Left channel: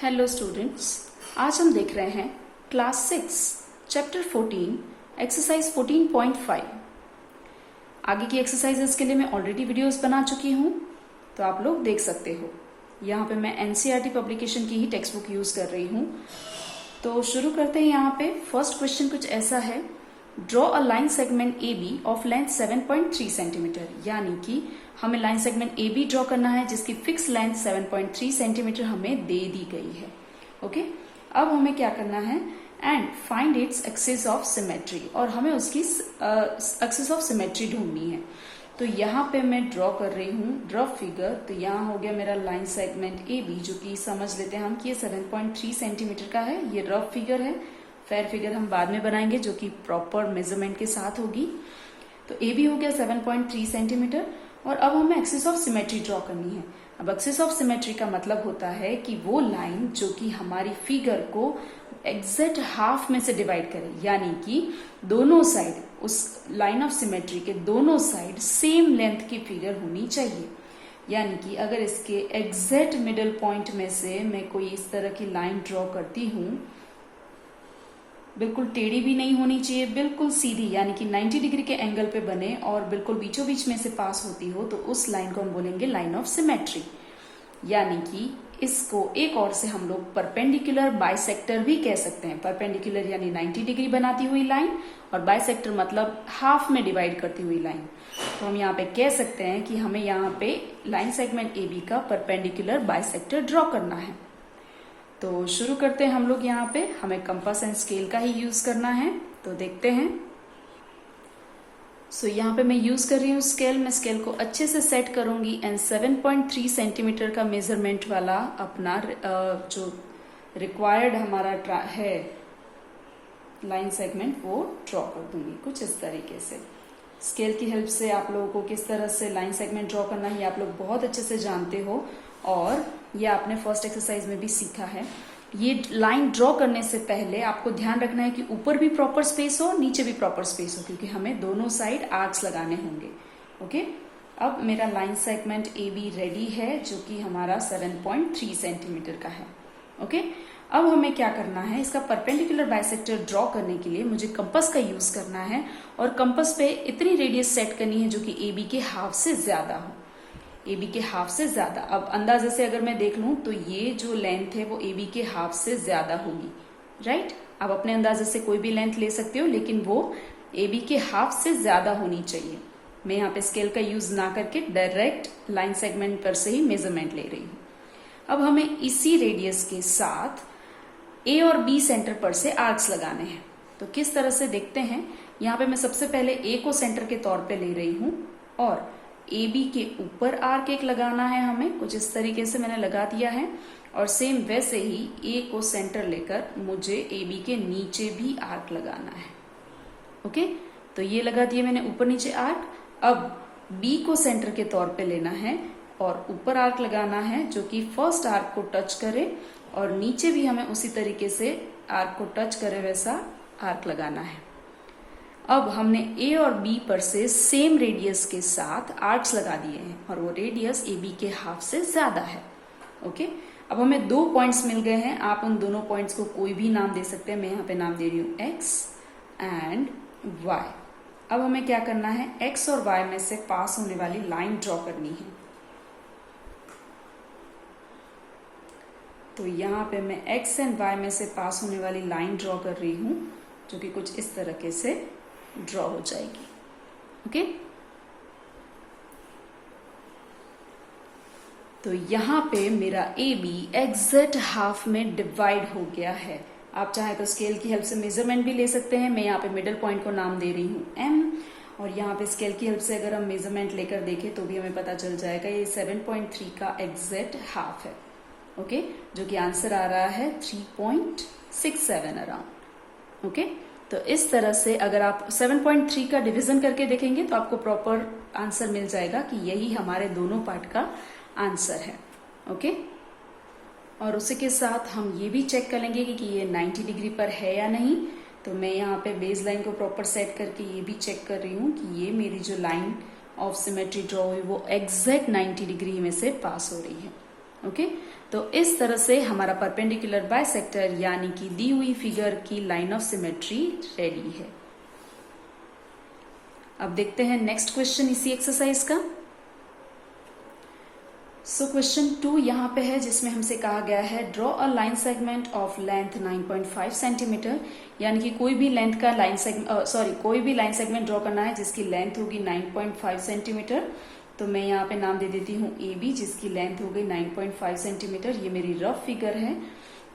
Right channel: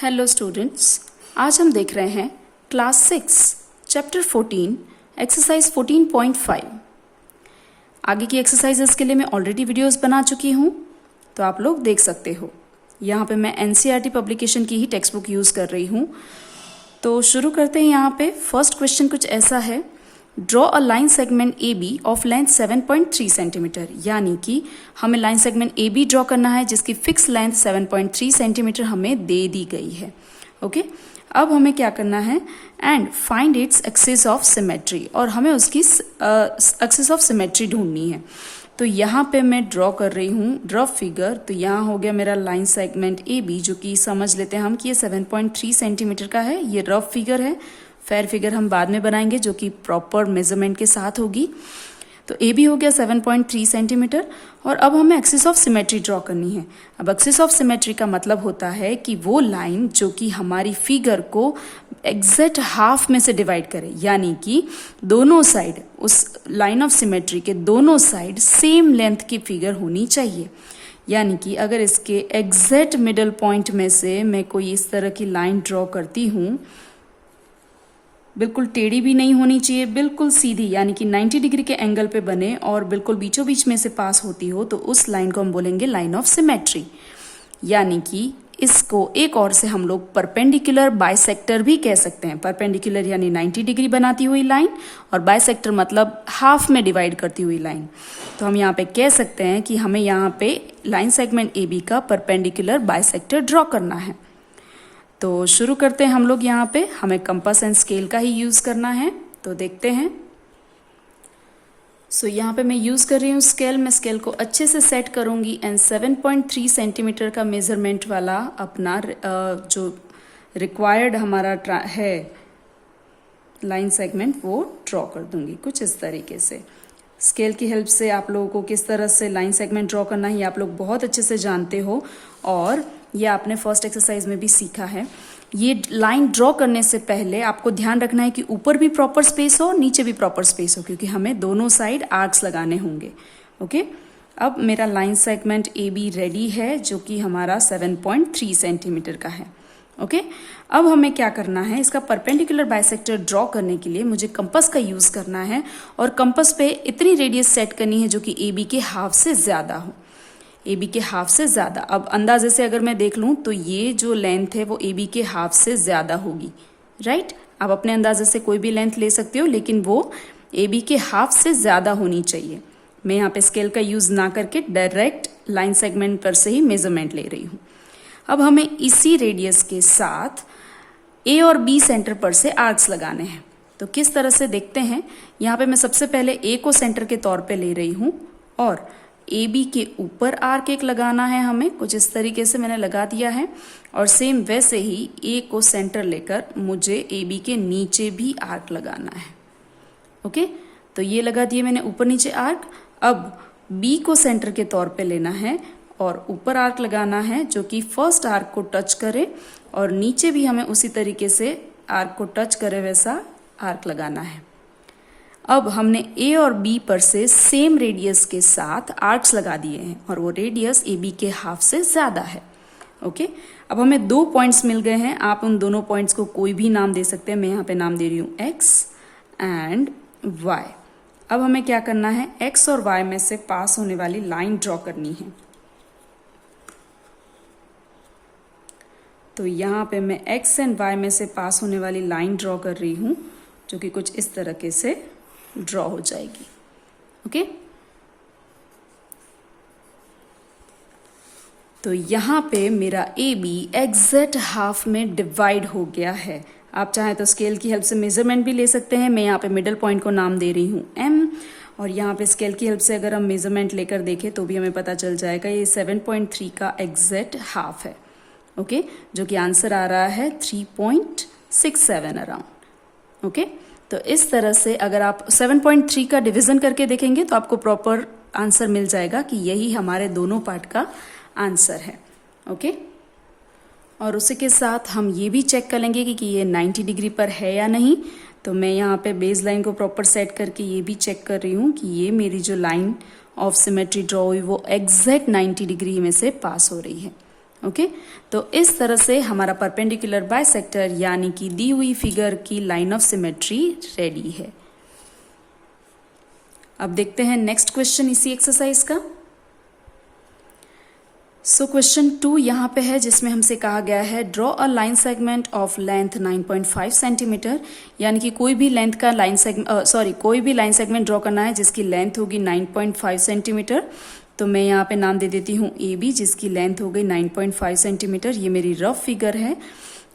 Hello students, आज हम देख रहे हैं क्लास 6 चैप्टर 14 एक्सरसाइज 14.5। आगे की एक्सरसाइजेस के लिए मैं ऑलरेडी वीडियोस बना चुकी हूँ, तो आप लोग देख सकते हो। यहाँ पे मैं एनसीईआरटी पब्लिकेशन की ही टेक्स्ट बुक यूज़ कर रही हूँ। तो शुरू करते हैं। यहाँ पे फर्स्ट क्वेश्चन कुछ ऐसा है, draw a line segment A B of length 7.3 centimetre. यानी कि हमें line segment A B draw करना है जिसकी फिक्स लेंथ 7.3 सेंटीमीटर हमें दे दी गई है। ओके, अब हमें क्या करना है, and find its axis of symmetry, और हमें उसकी एक्सिस ऑफ सिमेट्री ढूंढनी है। तो यहाँ पे मैं ड्रॉ कर रही हूँ रफ फिगर। तो यहाँ हो गया मेरा लाइन सेगमेंट ए बी, जो कि समझ लेते हैं हम कि ये 7.3 सेंटीमीटर का है। ये रफ फिगर है, फेयर फिगर हम बाद में बनाएंगे जो कि प्रॉपर मेजरमेंट के साथ होगी। तो ए बी हो गया 7.3 सेंटीमीटर, और अब हमें एक्सिस ऑफ सिमेट्री ड्रॉ करनी है। अब एक्सिस ऑफ सिमेट्री का मतलब होता है कि वो लाइन जो कि हमारी फिगर को एग्जैक्ट हाफ में से डिवाइड करे, यानी कि दोनों साइड, उस लाइन ऑफ सिमेट्री के दोनों साइड सेम लेंथ की फिगर होनी चाहिए। यानी कि अगर इसके एग्जैक्ट मिडल पॉइंट में से मैं कोई इस तरह की लाइन ड्रॉ करती हूँ, बिल्कुल टेढ़ी भी नहीं होनी चाहिए, बिल्कुल सीधी, यानी कि 90 डिग्री के एंगल पे बने और बिल्कुल बीचों बीच में से पास होती हो, तो उस लाइन को हम बोलेंगे लाइन ऑफ सिमेट्री। यानी कि इसको एक और से हम लोग परपेंडिकुलर बाइसेक्टर भी कह सकते हैं। परपेंडिकुलर यानी 90 डिग्री बनाती हुई लाइन, और बाइसेक्टर मतलब हाफ में डिवाइड करती हुई लाइन। तो हम यहाँ पे कह सकते हैं कि हमें यहाँ पे लाइन सेगमेंट ए बी का परपेंडिकुलर बाइसेक्टर ड्रॉ करना है। तो शुरू करते हैं हम लोग। यहाँ पे हमें कंपास एंड स्केल का ही यूज़ करना है, तो देखते हैं। सो यहाँ पे मैं यूज़ कर रही हूँ स्केल। मैं स्केल को अच्छे से सेट करूँगी एंड 7.3 सेंटीमीटर का मेज़रमेंट वाला अपना जो रिक्वायर्ड हमारा है लाइन सेगमेंट, वो ड्रॉ कर दूँगी कुछ इस तरीके से। स्केल की हेल्प से आप लोगों को किस तरह से लाइन सेगमेंट ड्रॉ करना है ये आप लोग बहुत अच्छे से जानते हो, और ये आपने फर्स्ट एक्सरसाइज में भी सीखा है। ये लाइन ड्रॉ करने से पहले आपको ध्यान रखना है कि ऊपर भी प्रॉपर स्पेस हो, नीचे भी प्रॉपर स्पेस हो, क्योंकि हमें दोनों साइड आर्क्स लगाने होंगे। ओके, अब मेरा line segment A be ready है, जो कि हमारा 7.3 सेंटीमीटर का है। ओके, अब हमें क्या करना है, इसका परपेंडिकुलर बाइसेक्टर ड्रॉ करने के लिए मुझे कंपास का यूज़ करना है, और कंपास पे इतनी रेडियस सेट करनी है जो कि ए बी के हाफ से ज़्यादा हो। ए बी के हाफ से ज़्यादा, अब अंदाजे से अगर मैं देख लूँ तो ये जो लेंथ है वो ए बी के हाफ से ज़्यादा होगी, राइट। आप अपने अंदाजे से कोई भी लेंथ ले सकते हो, लेकिन वो ए बी के हाफ से ज़्यादा होनी चाहिए। मैं यहाँ पे स्केल का यूज़ ना करके डायरेक्ट लाइन सेगमेंट पर से ही मेजरमेंट ले रही हूँ। अब हमें इसी रेडियस के साथ ए और बी सेंटर पर से आर्क्स लगाने हैं। तो किस तरह से देखते हैं। यहाँ पे मैं सबसे पहले ए को सेंटर के तौर पे ले रही हूँ, और ए बी के ऊपर आर्क एक लगाना है हमें, कुछ इस तरीके से मैंने लगा दिया है। और सेम वैसे ही ए को सेंटर लेकर मुझे ए बी के नीचे भी आर्क लगाना है। ओके, तो ये लगा दिए मैंने ऊपर नीचे आर्क। अब बी को सेंटर के तौर पे लेना है और ऊपर आर्क लगाना है जो कि फर्स्ट आर्क को टच करे, और नीचे भी हमें उसी तरीके से आर्क को टच करे वैसा आर्क लगाना है। अब हमने ए और बी पर से सेम रेडियस के साथ आर्क्स लगा दिए हैं, और वो रेडियस ए बी के हाफ से ज़्यादा है। ओके, अब हमें दो पॉइंट्स मिल गए हैं। आप उन दोनों पॉइंट्स को कोई भी नाम दे सकते हैं। मैं यहाँ पे नाम दे रही हूँ एक्स एंड वाई। अब हमें क्या करना है, एक्स और वाई में से पास होने वाली लाइन ड्रॉ करनी है। तो यहाँ पे मैं एक्स एंड वाई में से पास होने वाली लाइन ड्रॉ कर रही हूँ, जो कि कुछ इस तरीके से ड्रॉ हो जाएगी। ओके, तो यहाँ पे मेरा ए बी एग्जैक्ट हाफ में डिवाइड हो गया है। आप चाहें तो स्केल की हेल्प से मेजरमेंट भी ले सकते हैं। मैं यहाँ पे मिडल पॉइंट को नाम दे रही हूँ एम, और यहाँ पे स्केल की हेल्प से अगर हम मेजरमेंट लेकर देखें तो भी हमें पता चल जाएगा ये 7.3 का एग्जैक्ट हाफ है। ओके, जो कि आंसर आ रहा है 3.67 अराउंड। ओके, तो इस तरह से अगर आप 7.3 का डिवीजन करके देखेंगे तो आपको प्रॉपर आंसर मिल जाएगा कि यही हमारे दोनों पार्ट का आंसर है। ओके, और उसी के साथ हम ये भी चेक कर लेंगे कि ये 90 डिग्री पर है या नहीं। तो मैं यहाँ पे बेस लाइन को प्रॉपर सेट करके ये भी चेक कर रही हूँ कि ये मेरी जो लाइन ऑफ सिमेट्री ड्रॉ हुई वो एग्जैक्ट 90 डिग्री में से पास हो रही है। ओके तो इस तरह से हमारा परपेंडिकुलर बाइसेक्टर यानी कि दी हुई फिगर की लाइन ऑफ सिमेट्री रेडी है। अब देखते हैं नेक्स्ट क्वेश्चन इसी एक्सरसाइज का। सो क्वेश्चन 2 यहाँ पे है जिसमें हमसे कहा गया है draw a line segment of length 9.5 centimetre, यानी कि कोई भी लाइन सेगमेंट ड्रॉ करना है जिसकी लेंथ होगी 9.5 सेंटीमीटर। तो मैं यहाँ पे नाम दे देती हूँ ए बी, जिसकी लेंथ हो गई 9.5 सेंटीमीटर। ये मेरी रफ फिगर है।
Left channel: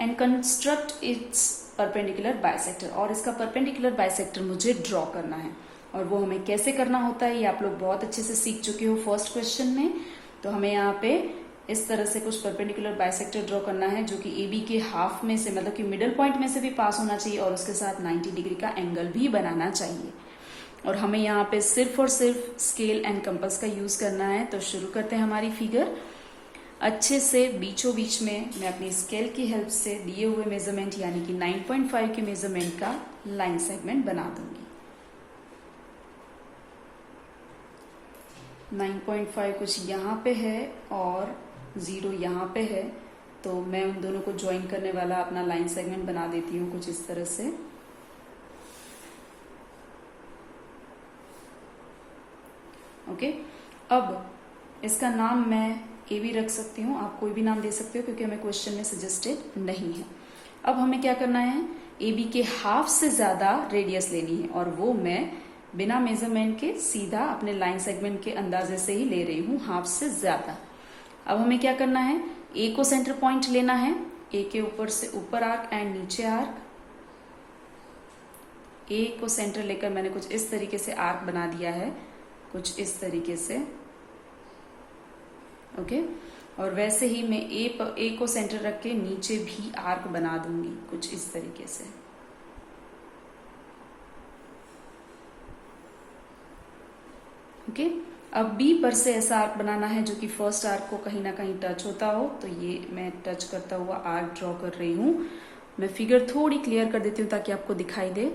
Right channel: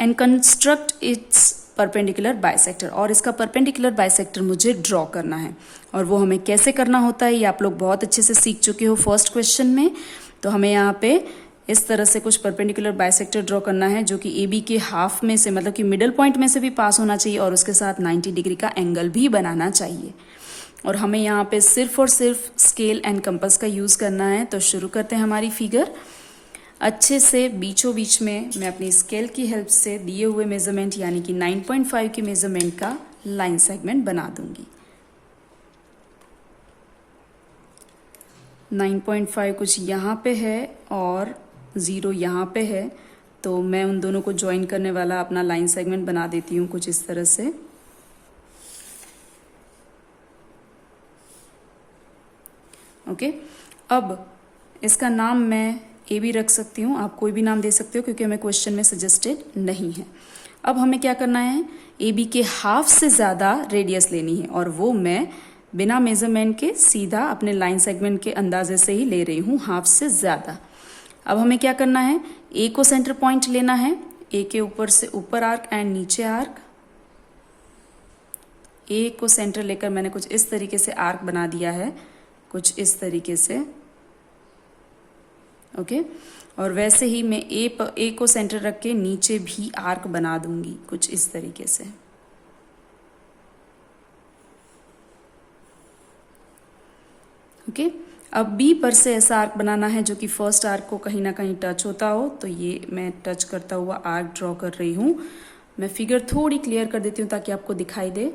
And construct it's perpendicular bisector, और इसका परपेंडिकुलर बाइसेक्टर मुझे ड्रॉ करना है। और वो हमें कैसे करना होता है ये आप लोग बहुत अच्छे से सीख चुके हो फर्स्ट क्वेश्चन में। तो हमें यहाँ पे इस तरह से कुछ परपेंडिकुलर बाइसेक्टर ड्रॉ करना है जो कि ए बी के हाफ में से, मतलब कि मिडल पॉइंट में से भी पास होना चाहिए और उसके साथ 90 डिग्री का एंगल भी बनाना चाहिए। और हमें यहाँ पे सिर्फ और सिर्फ स्केल एंड कंपास का यूज़ करना है। तो शुरू करते हैं हमारी फिगर। अच्छे से बीचों बीच में मैं अपनी स्केल की हेल्प से दिए हुए मेजरमेंट यानी कि 9.5 के मेजरमेंट का लाइन सेगमेंट बना दूंगी। 9.5 कुछ यहाँ पे है और 0 यहाँ पे है, तो मैं उन दोनों को ज्वाइन करने वाला अपना लाइन सेगमेंट बना देती हूँ कुछ इस तरह से। ओके अब इसका नाम मैं ए बी रख सकती हूँ, आप कोई भी नाम दे सकते हो क्योंकि हमें क्वेश्चन में सजेस्टेड नहीं है। अब हमें क्या करना है, ए बी के हाफ से ज़्यादा रेडियस लेनी है और वो मैं बिना मेजरमेंट के सीधा अपने लाइन सेगमेंट के अंदाजे से ही ले रही हूँ, हाफ से ज़्यादा। अब हमें क्या करना है, ए को सेंटर पॉइंट लेना है, ए के ऊपर से ऊपर आर्क एंड नीचे आर्क। ए को सेंटर लेकर मैंने कुछ इस तरीके से आर्क बना दिया है, कुछ इस तरीके से। ओके और वैसे ही मैं ए को सेंटर रख के नीचे भी आर्क बना दूंगी कुछ इस तरीके से। ओके अब बी पर से ऐसा आर्क बनाना है जो कि फर्स्ट आर्क को कहीं ना कहीं टच होता हो, तो ये मैं टच करता हुआ आर्क ड्रॉ कर रही हूँ। मैं फिगर थोड़ी क्लियर कर देती हूँ ताकि आपको दिखाई दे।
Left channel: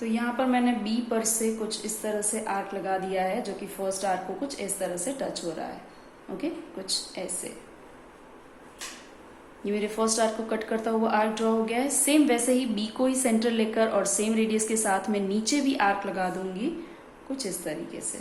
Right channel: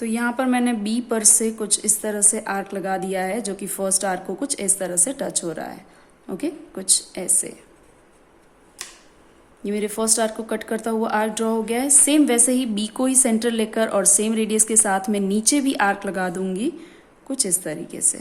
तो यहाँ पर मैंने बी पर से कुछ इस तरह से आर्क लगा दिया है जो कि फर्स्ट आर्क को कुछ इस तरह से टच हो रहा है। ओके कुछ ऐसे। ये मेरे फर्स्ट आर्क को कट करता हुआ आर्क ड्रॉ हो गया है। सेम वैसे ही बी को ही सेंटर लेकर और सेम रेडियस के साथ मैं नीचे भी आर्क लगा दूंगी कुछ इस तरीके से।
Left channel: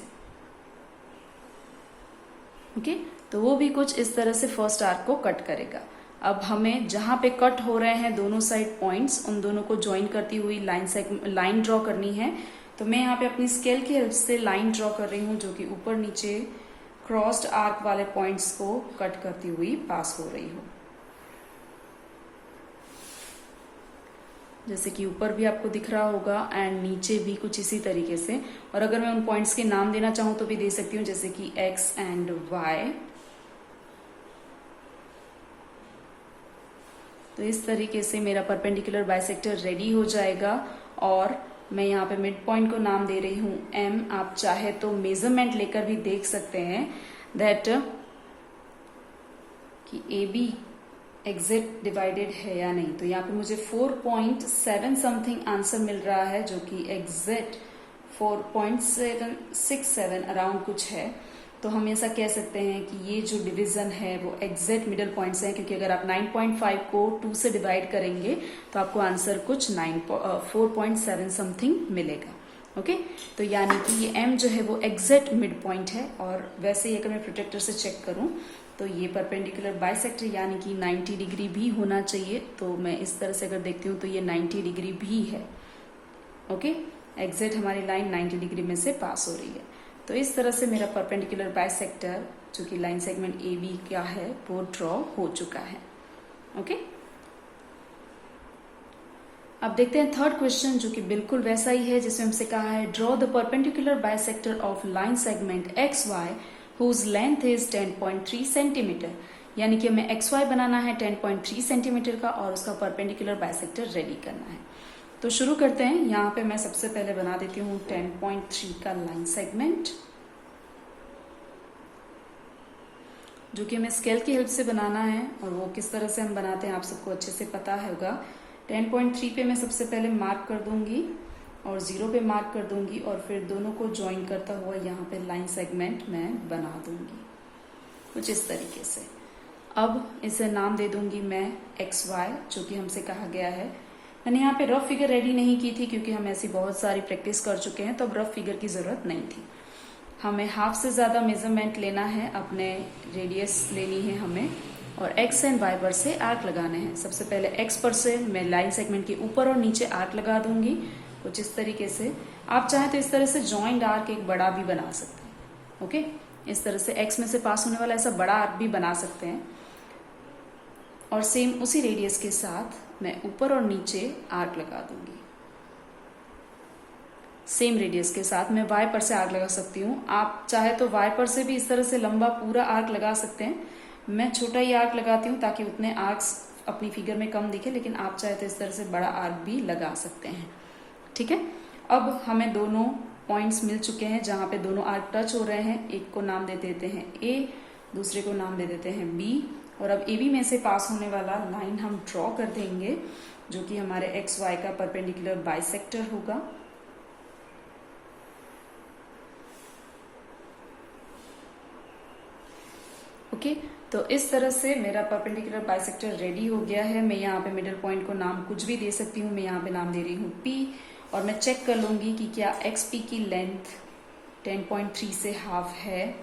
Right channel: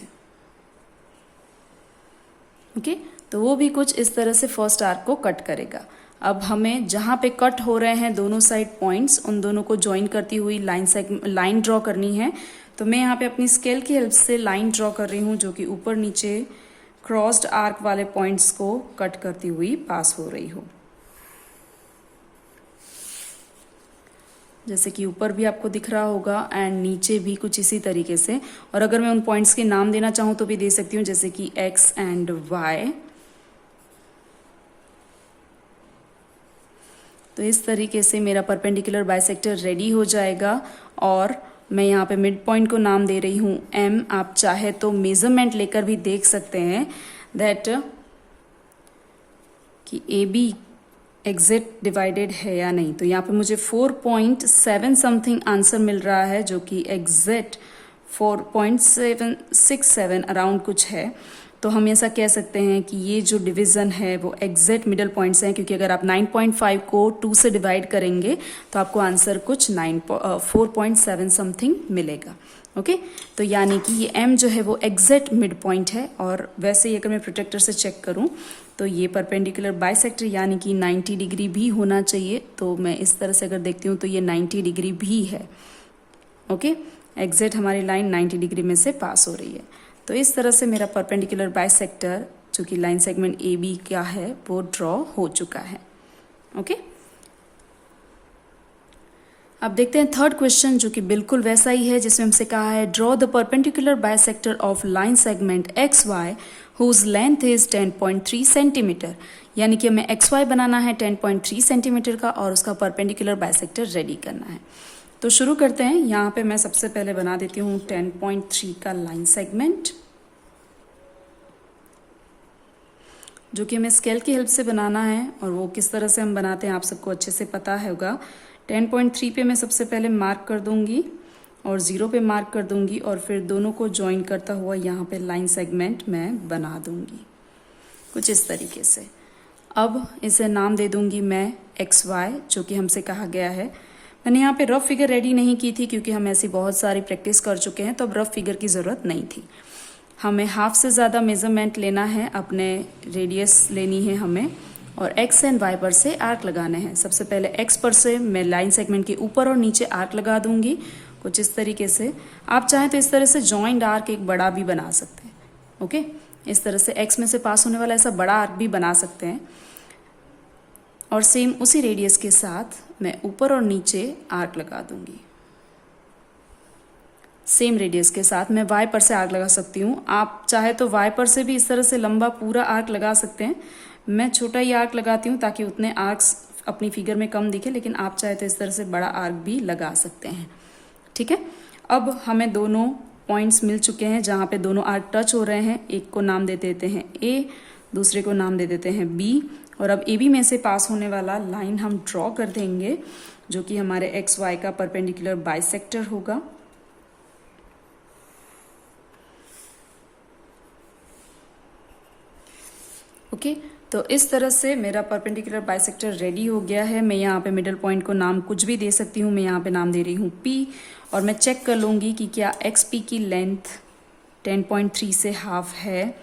ओके तो वो भी कुछ इस तरह से फर्स्ट आर्क को कट करेगा। अब हमें जहाँ पे कट हो रहे हैं दोनों साइड पॉइंट्स, उन दोनों को ज्वाइन करती हुई लाइन ड्रॉ करनी है। तो मैं यहाँ पे अपनी स्केल की हेल्प से लाइन ड्रॉ कर रही हूँ जो कि ऊपर नीचे क्रॉस्ड आर्क वाले पॉइंट्स को कट करती हुई पास हो रही हो। जैसे कि ऊपर भी आपको दिख रहा होगा एंड नीचे भी कुछ इसी तरीके से। और अगर मैं उन पॉइंट्स के नाम देना चाहूँ तो भी दे सकती हूँ, जैसे कि एक्स एंड वाई। तो इस तरीके से मेरा परपेंडिकुलर बाइसेक्टर रेडी हो जाएगा। और मैं यहाँ पे मिड पॉइंट को नाम दे रही हूँ एम। आप चाहे तो मेजरमेंट लेकर भी देख सकते हैं दैट कि ए बी एग्जिट डिवाइडेड है या नहीं। तो यहाँ पे मुझे 4.7 समथिंग आंसर मिल रहा है जो कि एग्जैक्ट 4.767 अराउंड कुछ है। तो हम ऐसा कह सकते हैं कि ये जो डिवीज़न है वो एग्जैक्ट मिडल पॉइंट्स हैं, क्योंकि अगर आप 9.5 को 2 से डिवाइड करेंगे तो आपको आंसर कुछ 4.7 समथिंग मिलेगा। ओके तो यानी कि ये m जो है वो एग्जैक्ट मिड पॉइंट है। और वैसे ही अगर मैं प्रोटेक्टर से चेक करूं तो ये परपेंडिकुलर बाइसेक्टर यानी कि 90 डिग्री भी होना चाहिए। तो मैं इस तरह से अगर देखती हूँ तो ये 90 डिग्री भी है। ओके एग्जैक्ट हमारी लाइन 90 डिग्री में से पास हो रही है। तो इस तरह से मेरा परपेंडिकुलर बाइसेक्टर जो कि लाइन सेगमेंट ए बी का है वो ड्रॉ हो चुका है। ओके अब देखते हैं थर्ड क्वेश्चन जो कि बिल्कुल वैसा ही है, जिसमें हमसे कहा है draw the perpendicular bisector of line segment X Y whose length is 10.3 centimetre. यानी कि हमें एक्स वाई बनाना है 10.3 सेंटीमीटर का और उसका परपेंडिकुलर बाइसेक्टर रेडी करना है। तो शुरू करते हैं। यहाँ पे मैं सबसे पहले बना देती हूँ 10.3 का लाइन सेगमेंट, जो कि हमें स्केल की हेल्प से बनाना है। और वो किस तरह से हम बनाते हैं आप सबको अच्छे से पता होगा। 10.3 पे मैं सबसे पहले मार्क कर दूंगी और 0 पे मार्क कर दूंगी और फिर दोनों को ज्वाइन करता हुआ यहाँ पे लाइन सेगमेंट मैं बना दूंगी कुछ इस तरीके से। अब इसे नाम दे दूंगी मैं एक्स वाई, जो कि हमसे कहा गया है। मैंने यहाँ पे रफ फिगर रेडी नहीं की थी क्योंकि हम ऐसी बहुत सारी प्रैक्टिस कर चुके हैं, तो अब रफ फिगर की ज़रूरत नहीं थी। हमें हाफ से ज़्यादा मेजरमेंट लेना है, अपने रेडियस लेनी है हमें, और एक्स एंड वाई पर से आर्क लगाने हैं। सबसे पहले एक्स पर से मैं लाइन सेगमेंट के ऊपर और नीचे आर्क लगा दूंगी कुछ इस तरीके से। आप चाहें तो इस तरह से जॉइंट आर्क एक बड़ा भी बना सकते हैं। ओके, इस तरह से एक्स में से पास होने वाला ऐसा बड़ा आर्क भी बना सकते हैं। और सेम उसी रेडियस के साथ मैं ऊपर और नीचे आर्क लगा दूंगी। सेम रेडियस के साथ मैं वाई पर से आर्क लगा सकती हूँ। आप चाहे तो वाई पर से भी इस तरह से लंबा पूरा आर्क लगा सकते हैं। मैं छोटा ही आर्क लगाती हूँ ताकि उतने आर्क्स अपनी फिगर में कम दिखे, लेकिन आप चाहे तो इस तरह से बड़ा आर्क भी लगा सकते हैं। ठीक है, अब हमें दोनों पॉइंट्स मिल चुके हैं जहाँ पे दोनों आर्क टच हो रहे हैं। एक को नाम दे देते हैं ए, दूसरे को नाम दे देते हैं बी। और अब ए बी में से पास होने वाला लाइन हम ड्रॉ कर देंगे, जो कि हमारे एक्स वाई का परपेंडिकुलर बाइसेक्टर होगा। ओके, तो इस तरह से मेरा परपेंडिकुलर बाइसेक्टर रेडी हो गया है। मैं यहाँ पे मिडल पॉइंट को नाम कुछ भी दे सकती हूँ। मैं यहाँ पे नाम दे रही हूँ पी, और मैं चेक कर लूँगी कि क्या एक्स पी की लेंथ 10.3 से हाफ है,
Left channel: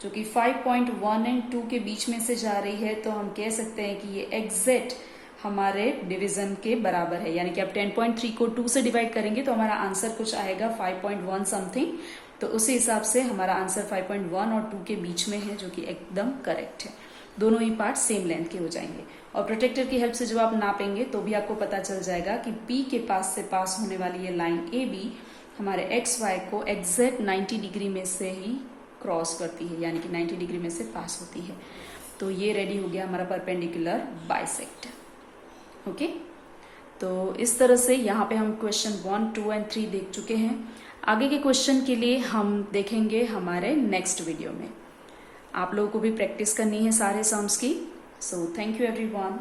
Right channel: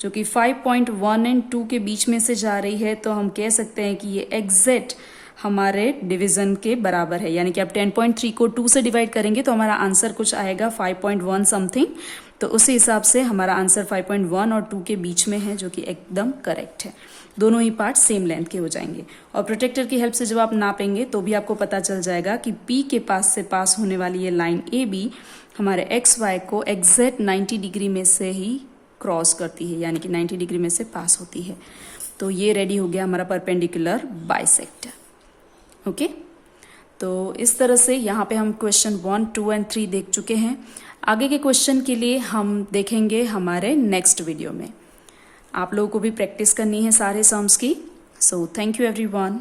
जो कि 5.1 एंड 2 के बीच में से जा रही है। तो हम कह सकते हैं कि ये एग्जैक्ट हमारे डिवीजन के बराबर है। यानी कि आप 10.3 को 2 से डिवाइड करेंगे तो हमारा आंसर कुछ आएगा 5.1 समथिंग। तो उसी हिसाब से हमारा आंसर 5.1 और 2 के बीच में है, जो कि एकदम करेक्ट है। दोनों ही पार्ट सेम लेंथ के हो जाएंगे। और प्रोटेक्टर की हेल्प से जब आप नापेंगे तो भी आपको पता चल जाएगा कि पी के पास से पास होने वाली ये लाइन ए बी हमारे एक्स वाई को एग्जैक्ट 90 डिग्री में से ही क्रॉस करती है, यानी कि 90 डिग्री में से पास होती है। तो ये रेडी हो गया हमारा परपेंडिकुलर बाइसेक्टर। ओके, तो इस तरह से यहाँ पे हम क्वेश्चन 1, 2 एंड 3 देख चुके हैं। आगे के क्वेश्चन के लिए हम देखेंगे हमारे नेक्स्ट वीडियो में। आप लोगों को भी प्रैक्टिस करनी है सारे सम्स की। So thank you everyone.